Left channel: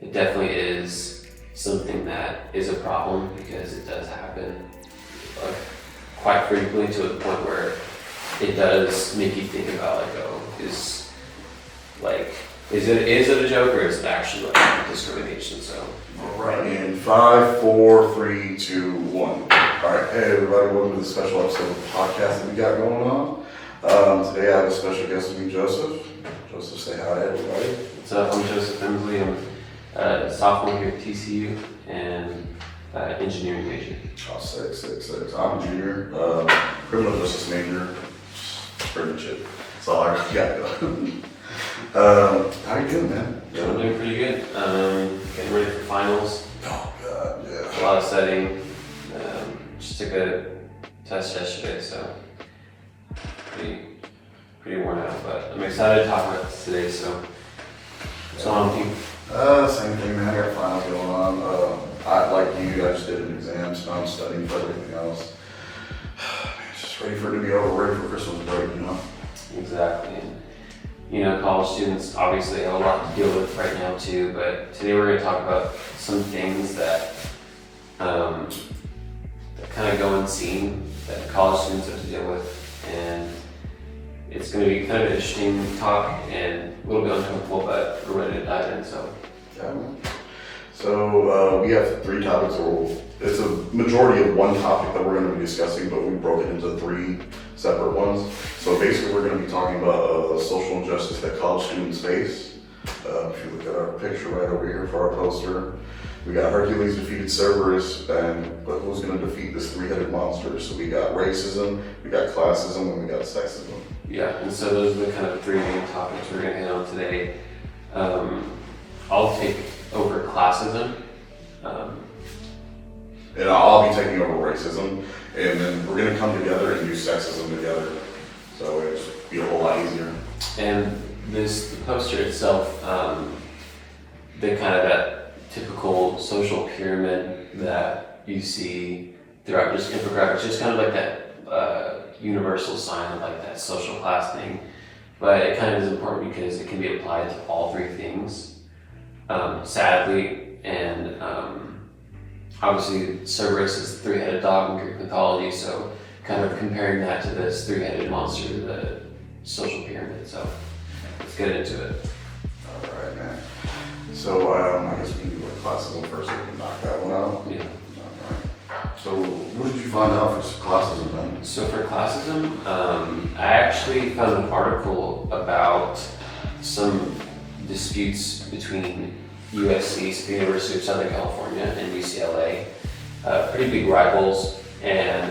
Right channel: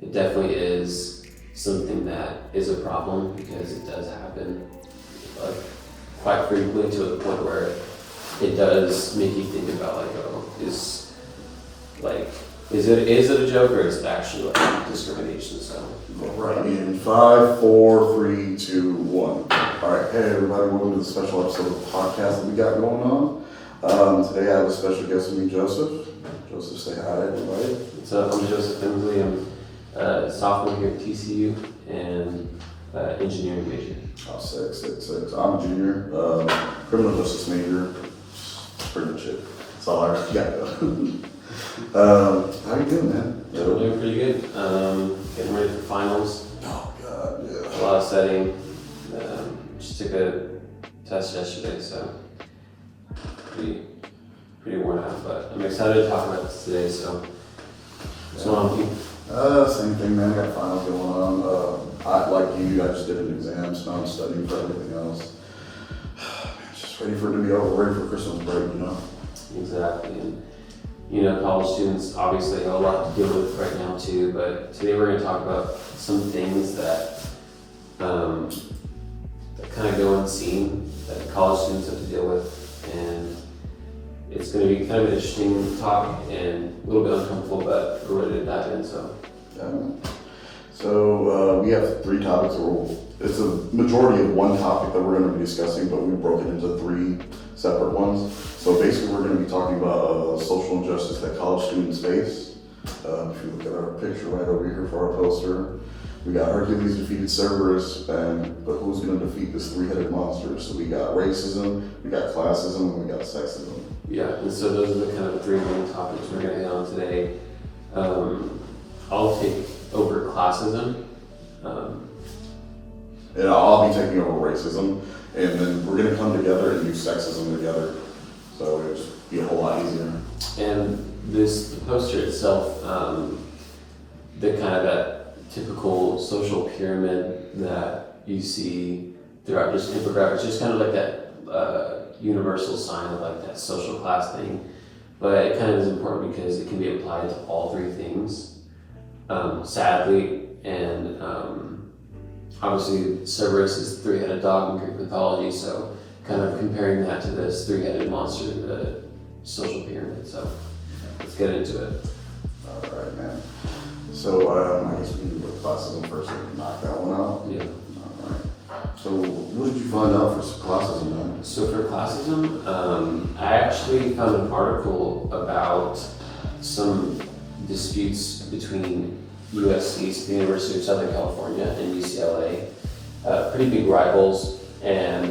it definitely is something that is a problem because it does happen like quite frequently to a point where it does make you think about like, oh, is it a joke or is it actually like discrimination? So Right. In 5, 4, 3, 2, 1. All right. Hey everybody, welcome to the special episode of the podcast that we got going on. Today I have a special guest with me, Joseph. Joseph, say hi to everybody. what's up? I'm Joseph Emsley. I'm a sophomore here at TCU and engineering major. Oh, sick. I'm a junior, criminal justice major. Pretty much it. That's all I got going. How you doing, man? I'm doing pretty good. Getting ready for finals. Oh God, yeah. A lot of studying. Just took a test yesterday, so pretty worn out. But I'm excited to talk about this today. So what's going on with you? Same thing, man. I got finals going on. Like you, I just did an exam, so now I'm studying for everything else. Just ready for it to be over, ready for Christmas break, you know? Exactly. And, college students obviously have a lot to deal with right now too, but today we're going to talk about some things that kind of go unseen that college students have to deal with, and it's going to be kind of an interesting topic and a little bit uncomfortable, but we're ready to dive in. So Yeah. So we have 3 topics. It's a majority of one topic that we're going to be discussing, but we broke it into 3 separate ones. So basically, we're going to be talking about social injustice that college students face. If you look at our picture right over here for our poster, we got Hercules defeated Cerberus, but who's going to defeat this 3-headed monster? So we got racism, we got classism, and we got sexism. yeah, and so those are the kind of 3 main topics we're going to hit on today. I'll take over classism. And I'll be taking over racism, and then we're going to come together and do sexism together. So it'll just be a whole lot easier. And the poster itself, the kind of that typical social pyramid that you see throughout just infographics, just kind of like that universal sign of like that social class thing. But it kind of is important because it can be applied to all 3 things, sadly. And obviously Cerberus is the 3-headed dog in Greek mythology, so kind of comparing that to this 3-headed monster, the social pyramid. So let's get into it. All right, man. So I guess we can go to classism first so we can knock that one out. Yeah. All right. So what did you find out for classism, man? So for classism, I actually found an article about some disputes between USC, so the University of Southern California, and UCLA, pretty big rivals, and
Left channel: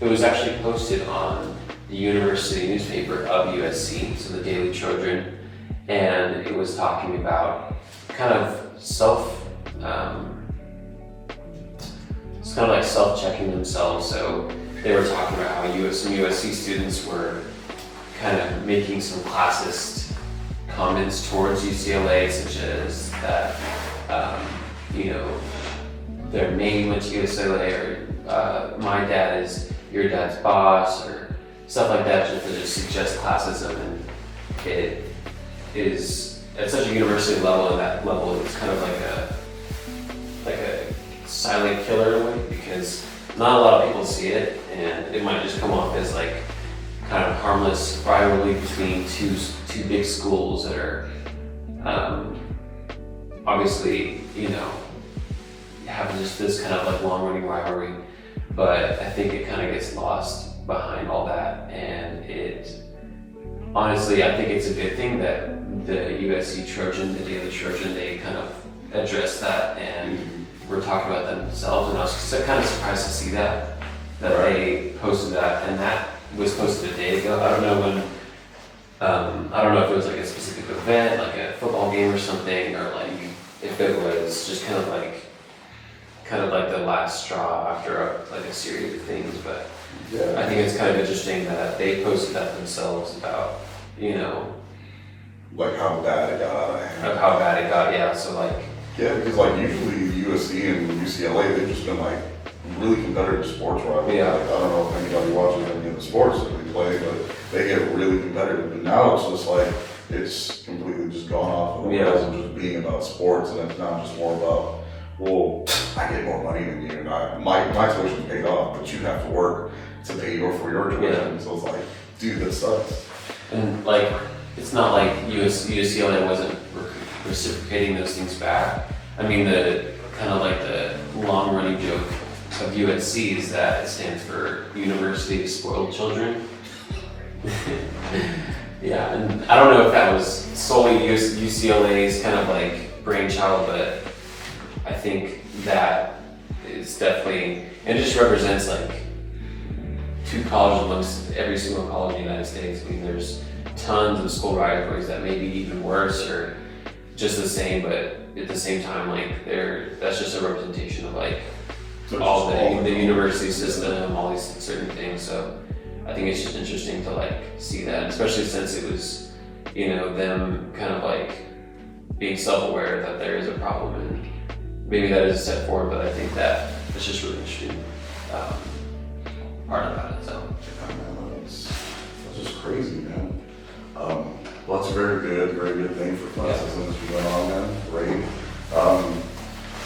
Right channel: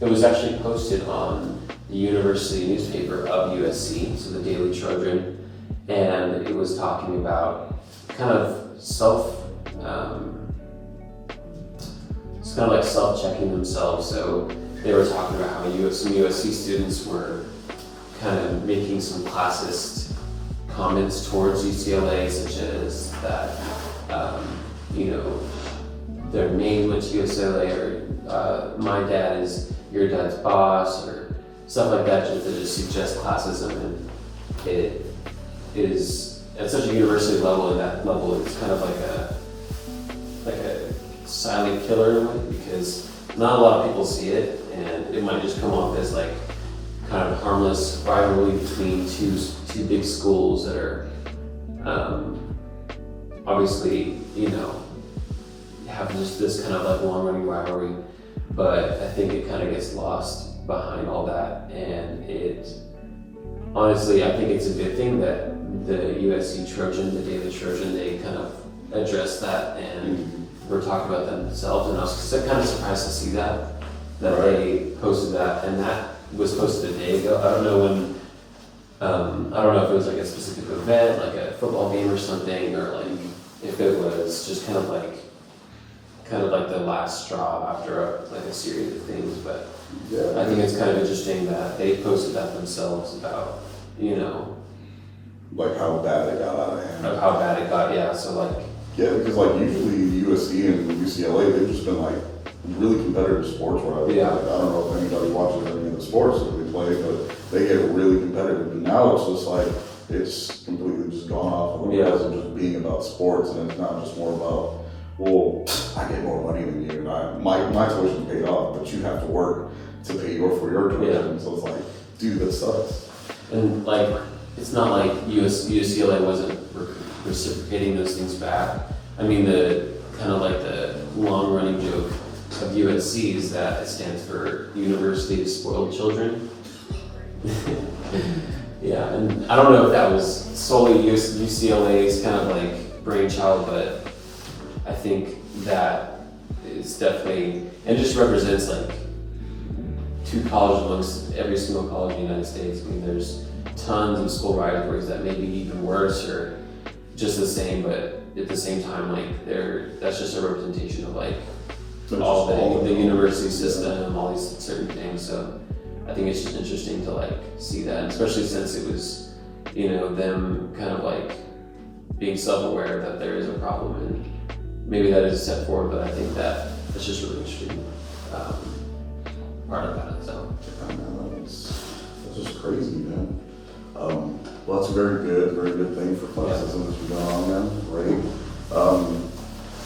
it was actually posted on the university newspaper of USC, so the Daily Trojan, and it was talking about kind of it's kind of like self-checking themselves. So they were talking about how some USC students were kind of making some classist comments towards UCLA, such as that, their name went to UCLA, or my dad is your dad's boss, or stuff like that, just to just suggest classism. And it is at such a university level, and that level it's kind of like a silent killer in a way, because not a lot of people see it, and it might just come off as like kind of harmless rivalry between two big schools that are obviously have just this kind of like long running rivalry. But I think it kind of gets lost behind all that, and honestly I think it's a good thing that the USC Trojan, the Daily Trojan, they kind of addressed that and were talking about themselves, and I was kind of surprised to see that they posted that, and that was posted a day ago. I don't know when, I don't know if it was like a specific event, like a football game or something, or like if it was just kind of like the last straw after a series of things. But Yeah. I think it's kind of interesting that they posted that themselves about, Like how bad it got out of hand. of how bad it got. Yeah, so like, Yeah, because like usually USC and UCLA, they've just been like really competitive sports rivals. Yeah. Like, I don't know if anybody watches any of the sports that they play, but they get really competitive. And now it's just like it's completely just gone off of the Yeah. rails of just being about sports, and it's not just more about, well, I get more money than you, and my tuition paid off, but you have to work to pay for your tuition. So it's like, dude, that sucks. And like, it's not like UCLA wasn't reciprocating those things back. I mean, the kind of like the long running joke of USC is that it stands for University of Spoiled Children. Yeah, and I don't know if that was solely UCLA's kind of like brainchild, but I think that is definitely, and it just represents like two colleges amongst every single college in the United States. I mean, there's tons of school rivalries that may be even worse or just the same, but at the same time, like that's just a representation of like all the university system, all these certain things. So I think it's just interesting to like see that, especially since it was, you know, them kind of like being self-aware that there is a problem, and maybe that is a step forward, but I think that it's just really interesting part about it. So That's just crazy, man. Well, that's a very good thing for classism that's been going on, man. Great.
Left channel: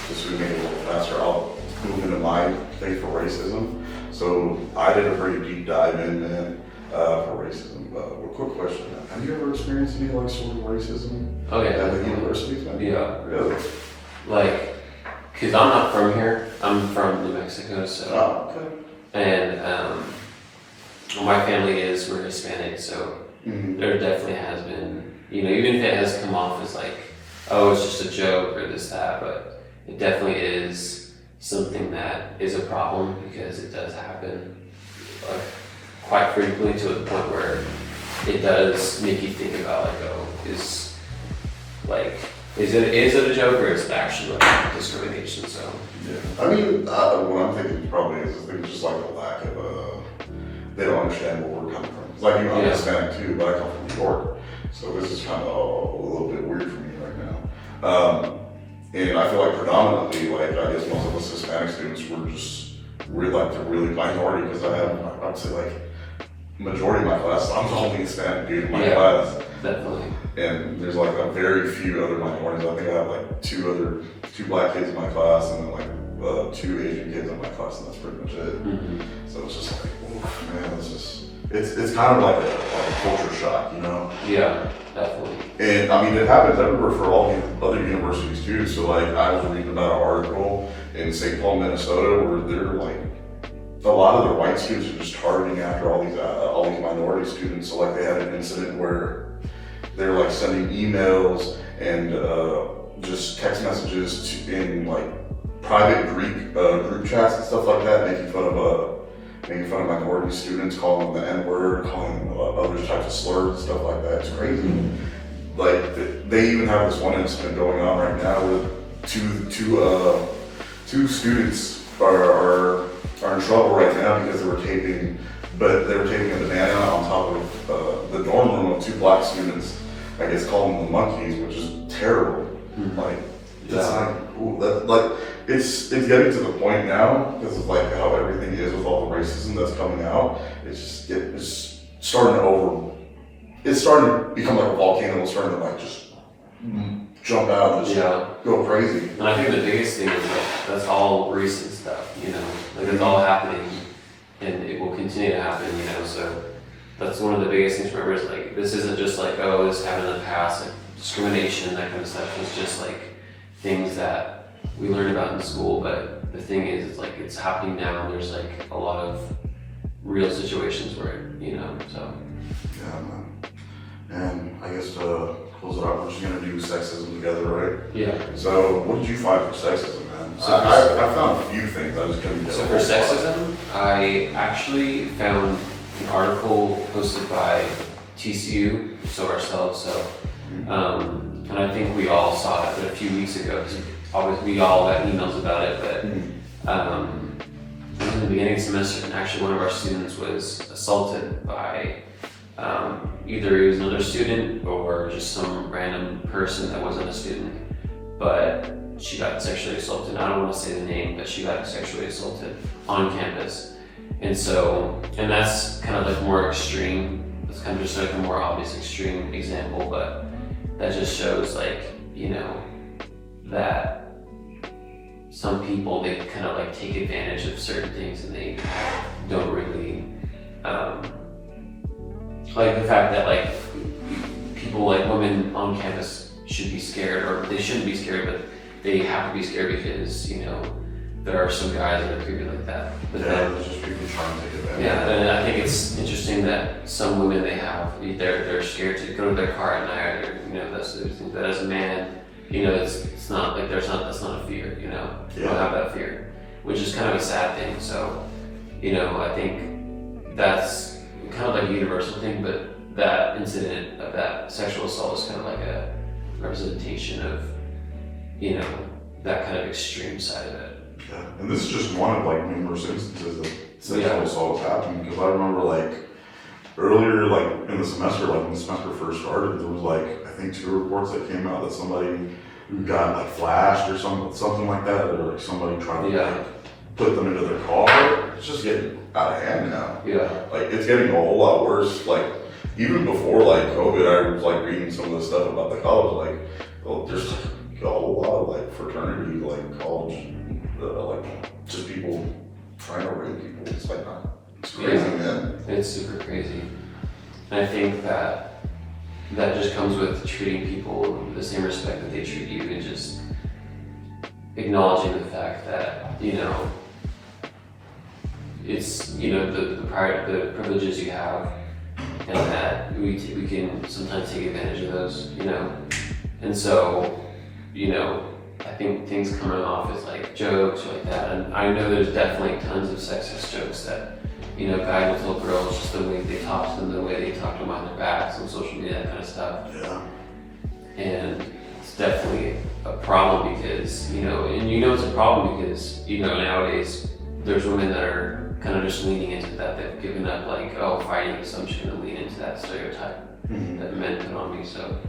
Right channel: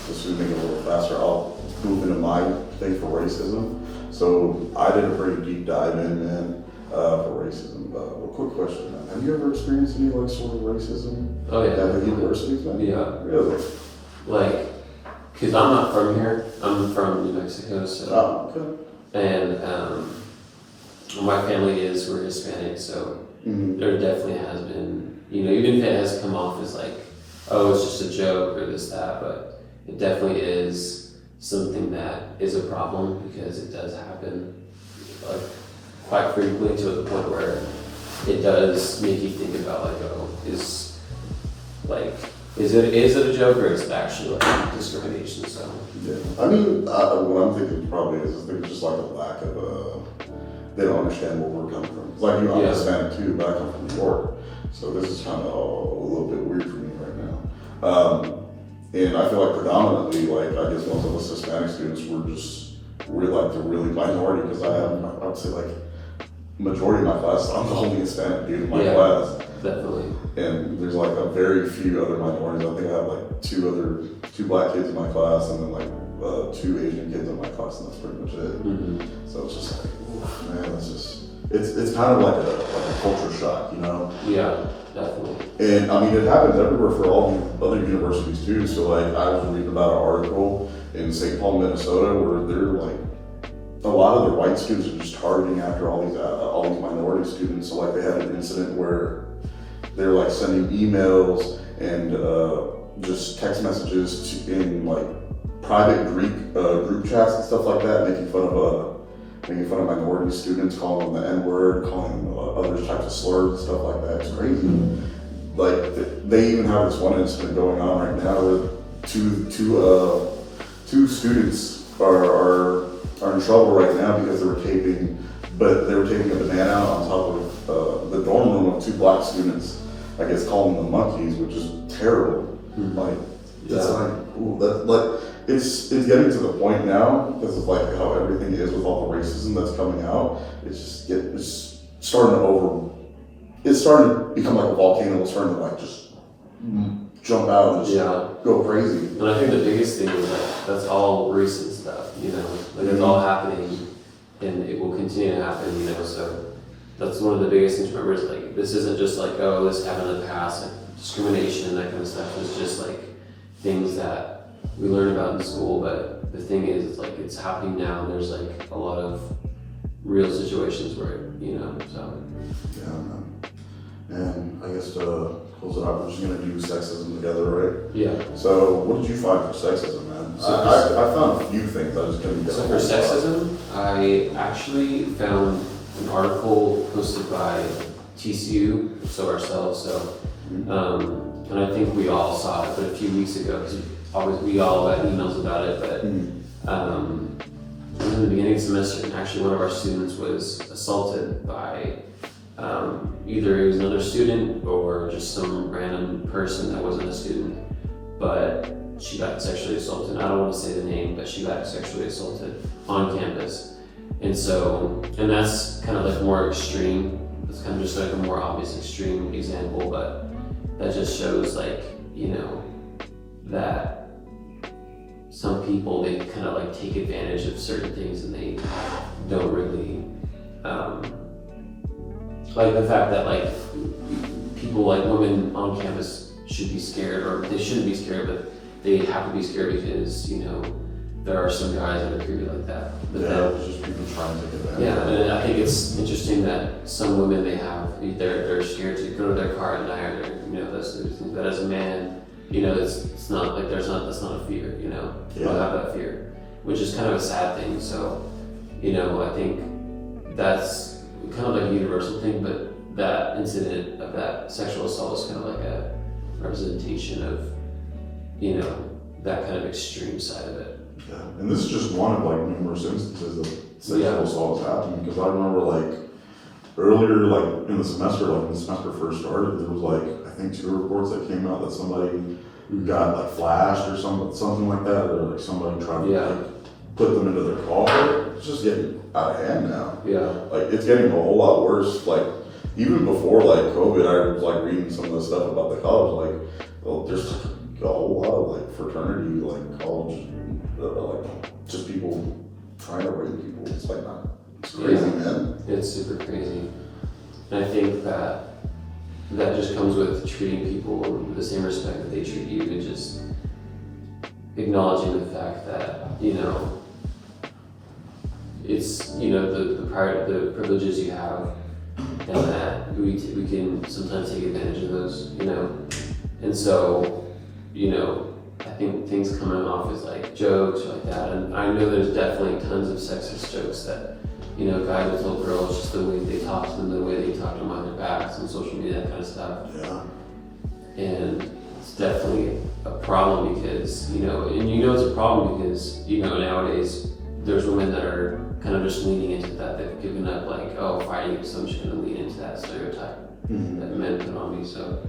Just so we make it a little faster, I'll move into my thing for racism. So I did a pretty deep dive in, man, for racism. Well, quick question, man. Have you ever experienced any like sort of racism? Oh yeah. At the universities, man? Yeah. Really? Like, cause I'm not from here. I'm from New Mexico, so. Oh, okay. And my family we're Hispanic, so there definitely has been, you know, even if it has come off as like, oh, it's just a joke or this, that, but it definitely is something that is a problem because it does happen like quite frequently to the point where it does make you think about like, oh, is it a joke or is it actually like discrimination? So yeah, I mean, what I'm thinking probably is there's just like a lack of they don't understand where we're coming from. It's like I'm Hispanic too, but I come from New York, so this is kind of a little bit weird for me right now. And I feel like predominantly, like I guess most of us Hispanic students, we're like the really minority because I would say like majority of my class, I'm the only Hispanic dude in my class. Definitely. And there's like a very few other minorities. I think I have like two black kids in my class and then like 2 Asian kids in my class, and that's pretty much it. Mm-hmm. So it's just like, oof, man, it's kind of like a culture shock, you know? Yeah, definitely. And I mean, it happens everywhere for all the other universities too. So like, I was reading about an article in St. Paul, Minnesota, where they're like, a lot of the white students are just targeting after all these minority students. So like, they had an incident where they were like sending emails and just text messages in like private group chats and stuff like that, making fun of minority students, calling them the N-word, calling them other types of slurs and stuff like that. It's crazy. Like they even have this one incident going on right now where two students are in trouble right now because they were taping a banana on top of the dorm room of 2 black students. I guess calling them monkeys, which is terrible. Like it's like, ooh, it's getting to the point now because of like how everything is with all the racism that's coming out. It's starting to become like a volcano. It's starting to like just jump out and just go crazy. And I think the biggest thing is that that's all recent stuff, you know, like it's all happening and it will continue to happen, you know, so that's one of the biggest things to remember is like, this isn't just like, oh, this happened in the past, like discrimination, that kind of stuff. It's just like things that we learn about in school, but the thing is like, it's happening now and there's like a lot of real situations where, you know, so. Yeah, and I guess to close it out, we're just gonna do sexism together, right? Yeah. So what did you find for sexism, man? I found a few things, I just couldn't. So for sexism, I actually found an article posted by TCU, so ourselves, so, and I think we all saw it a few weeks ago, because we all got emails about it, but it was in the beginning of the semester, and actually one of our students was assaulted by either he was another student or just some random person that wasn't a student, but she got sexually assaulted. I don't want to say the name, but she got sexually assaulted on campus. And that's kind of like more extreme that's kind of just like a more obvious extreme example, but that just shows like, that some people, they kind of like take advantage of certain things and they don't really, like the fact that like people, like women on campus should be scared, or they shouldn't be scared, but they have to be scared because, there are some guys that are treated like that. But It's just people trying to take advantage. yeah, and I think it's interesting that some women, they're scared to go to their car at night, or that as a man, it's not like that's not a fear, you don't have that fear, which is kind of a sad thing. So, I think that's kind of like a universal thing, but that incident of that sexual assault is kind of like a representation of, that kind of extreme side of it. Yeah, and this is just one of like numerous instances of sexual assault happening, because I remember like earlier, like in the semester, like when the semester first started, there was like, I think 2 reports that came out that somebody got like flashed or something like that, or like somebody tried to like put them into their car. It's just getting out of hand now. Yeah. Like it's getting a whole lot worse. Like even before like COVID, I was like reading some of the stuff about the college, like, well, there's a whole lot of like fraternity, like college, like just people trying to rape people. It's like, it's crazy, man. It's super crazy. And I think that just comes with treating people with the same respect that they treat you, and just acknowledging the fact that, it's, the privileges you have, and that we can sometimes take advantage of those, and so, I think things coming off as like jokes or like that, and I know there's definitely tons of sexist jokes that, guys will tell girls just the way they talk to them, the way they talk to them on their backs on social media, that kind of stuff. Yeah. And it's definitely a problem because, it's a problem because, nowadays there's women that are kind of just leaning into that. They've given up like, fighting, so I'm just gonna lean into that stereotype that men put on me. So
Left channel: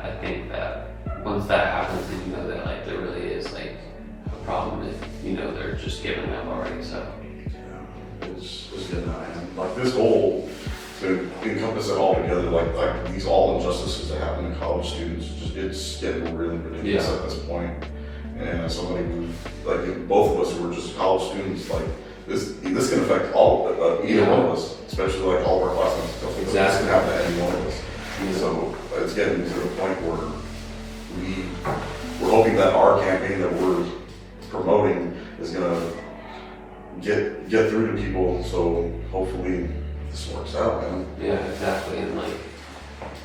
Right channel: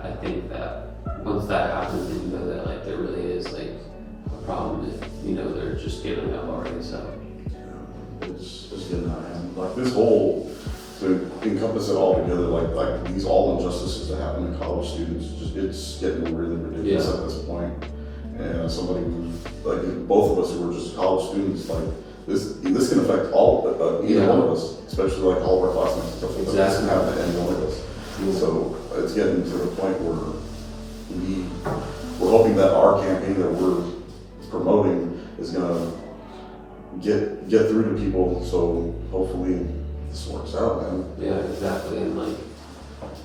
I think that once that happens, then that like there really is like a problem if, they're just giving up already, so. It's getting out of hand. Like this whole, to encompass it all together, like these all injustices that happen to college students, it's getting really ridiculous at this point. And as somebody who's, like both of us who were just college students, like this can affect either one of us, especially like all of our classmates and stuff like that. This can happen to any one of us. So it's getting to the point where we're hoping that our campaign that we're promoting is gonna get through to people, so hopefully this works out, man. Yeah, exactly, and like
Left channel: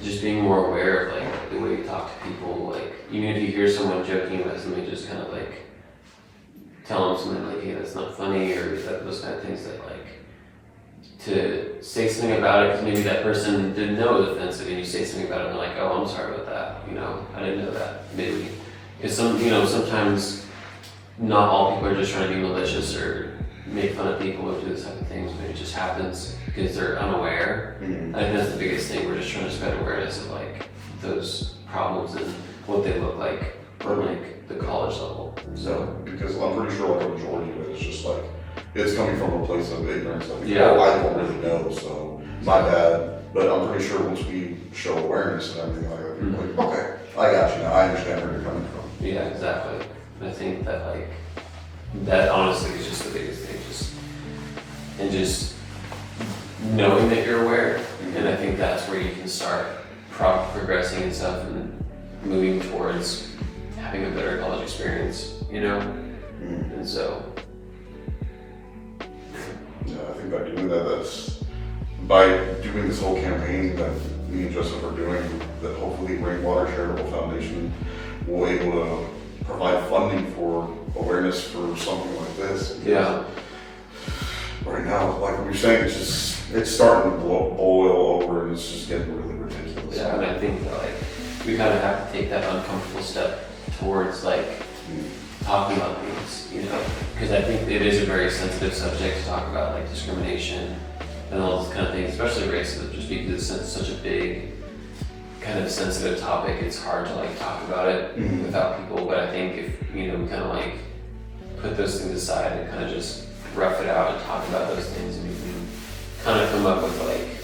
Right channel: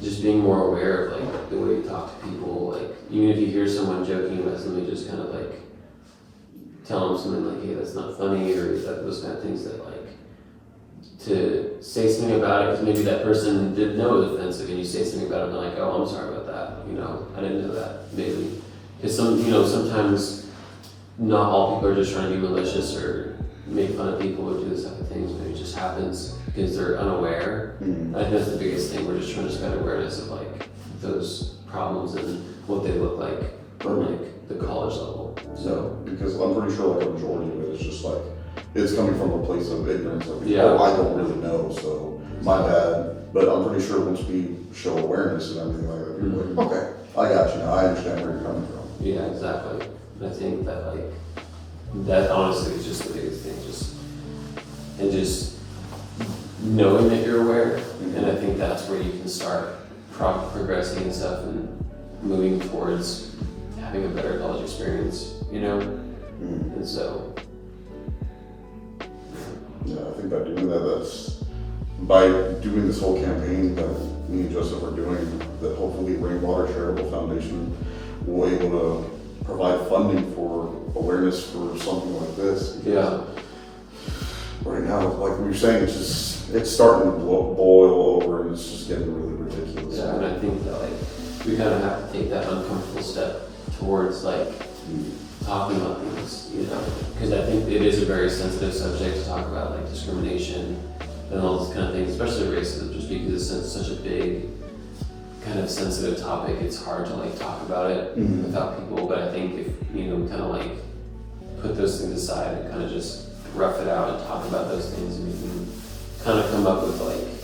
just being more aware of like the way you talk to people, like even if you hear someone joking about something, just kind of like tell them something like, hey, that's not funny, or those kind of things, that like to say something about it, because maybe that person didn't know it was offensive, and you say something about it and they're like, oh, I'm sorry about that, I didn't know that, maybe. Because sometimes not all people are just trying to be malicious or make fun of people or do this type of things, but it just happens because they're unaware. I think that's the biggest thing. We're just trying to spread awareness of like those problems and what they look like on like the college level. So because I'm pretty sure like a majority of it is just like it's coming from a place of ignorance. Like, Yeah. I don't really know, so my bad. But I'm pretty sure once we show awareness and everything like that, people are like, okay, I got you now. I understand where you're coming from. yeah, exactly. And I think that like that honestly is just the biggest thing. Just knowing that you're aware, and I think that's where you can start progressing and stuff and moving towards having a better college experience, and so. Yeah, I think by doing that, by doing this whole campaign that me and Joseph are doing, that hopefully Rainwater Charitable Foundation will able to provide funding for awareness for something like this. Yeah. Right now, like we were saying, it's starting to boil over, and it's just getting really ridiculous. Yeah, and I think that like we kind of have to take that uncomfortable step towards like talking about things, because I think it is a very sensitive subject to talk about, like discrimination and all this kind of things, especially racism, just because it's such a big kind of sensitive topic. It's hard to like talk about it without people, but I think if we kind of like put those things aside and kind of just rough it out and talk about those things, and we can kind of come up with like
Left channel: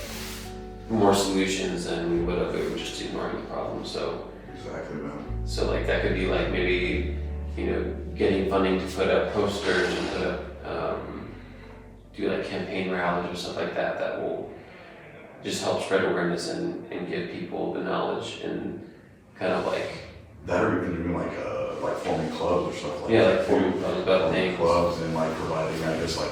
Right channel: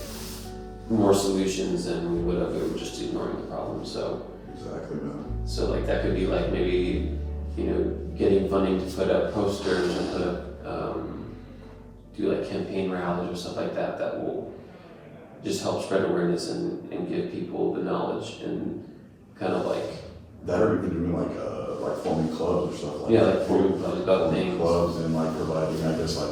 more solutions than we would have if we were just ignoring the problem. So Exactly, man. so like that could be like maybe, getting funding to put up posters and put up, do like campaign rallies or stuff like that that will just help spread awareness and give people the knowledge and kind of like, That or even doing like forming clubs or stuff like yeah, that. like forming clubs about Forming things. clubs and like providing, I guess, like,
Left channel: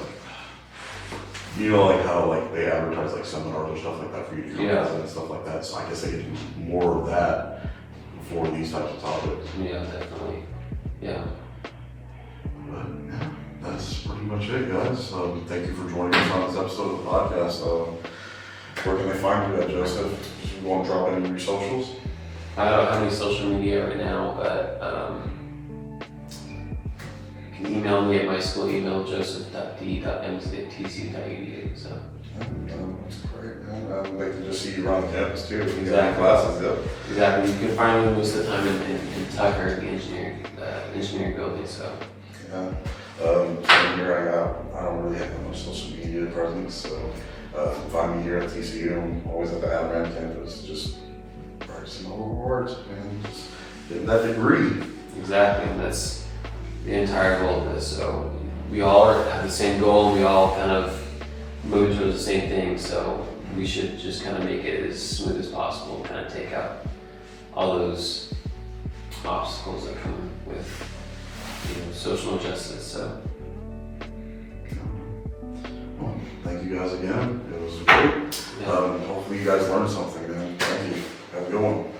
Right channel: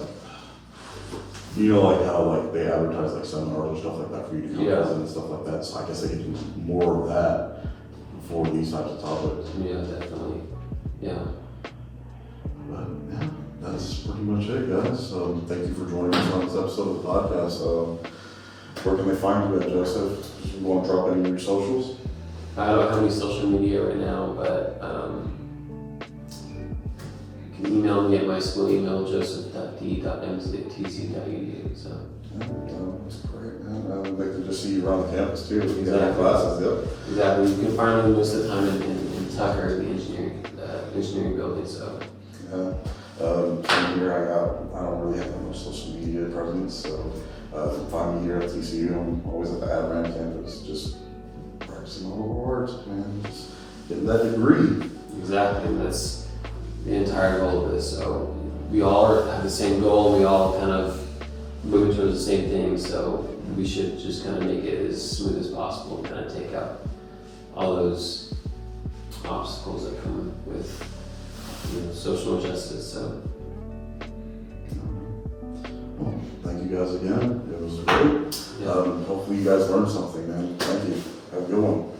like how like they advertise like seminars or stuff like that for you to come Yeah. and stuff like that. So I guess they could do more of that for these types of topics. Yeah, definitely. Yeah. But yeah, that's pretty much it, guys. Thank you for joining us on this episode of the podcast. Where can they find you at, Joseph? You want to drop any of your socials? I don't have any social media right now, but you can email me at my school email, joseph.d.mc@tcu.edu. So. That's great, man. They can just see you around campus too. If you got Exactly. classes, yep. Exactly. You can find me most of the time in Tucker, the engineering building. So. Yeah. Same here, I don't really have much social media presence, so find me here at TCU. I'm always at the Adirond campus, just practicing all the words, man. Just getting that degree. Exactly, and that's the entire goal of this. So we all have the same goal. We all kind of move towards the same thing. So we should just kind of make it as smooth as possible, kind of take out all those obstacles that come with social injustice. So Well, thank you guys again. It was great. yeah. Hopefully you guys learned something, man. Thank you. Have a good one.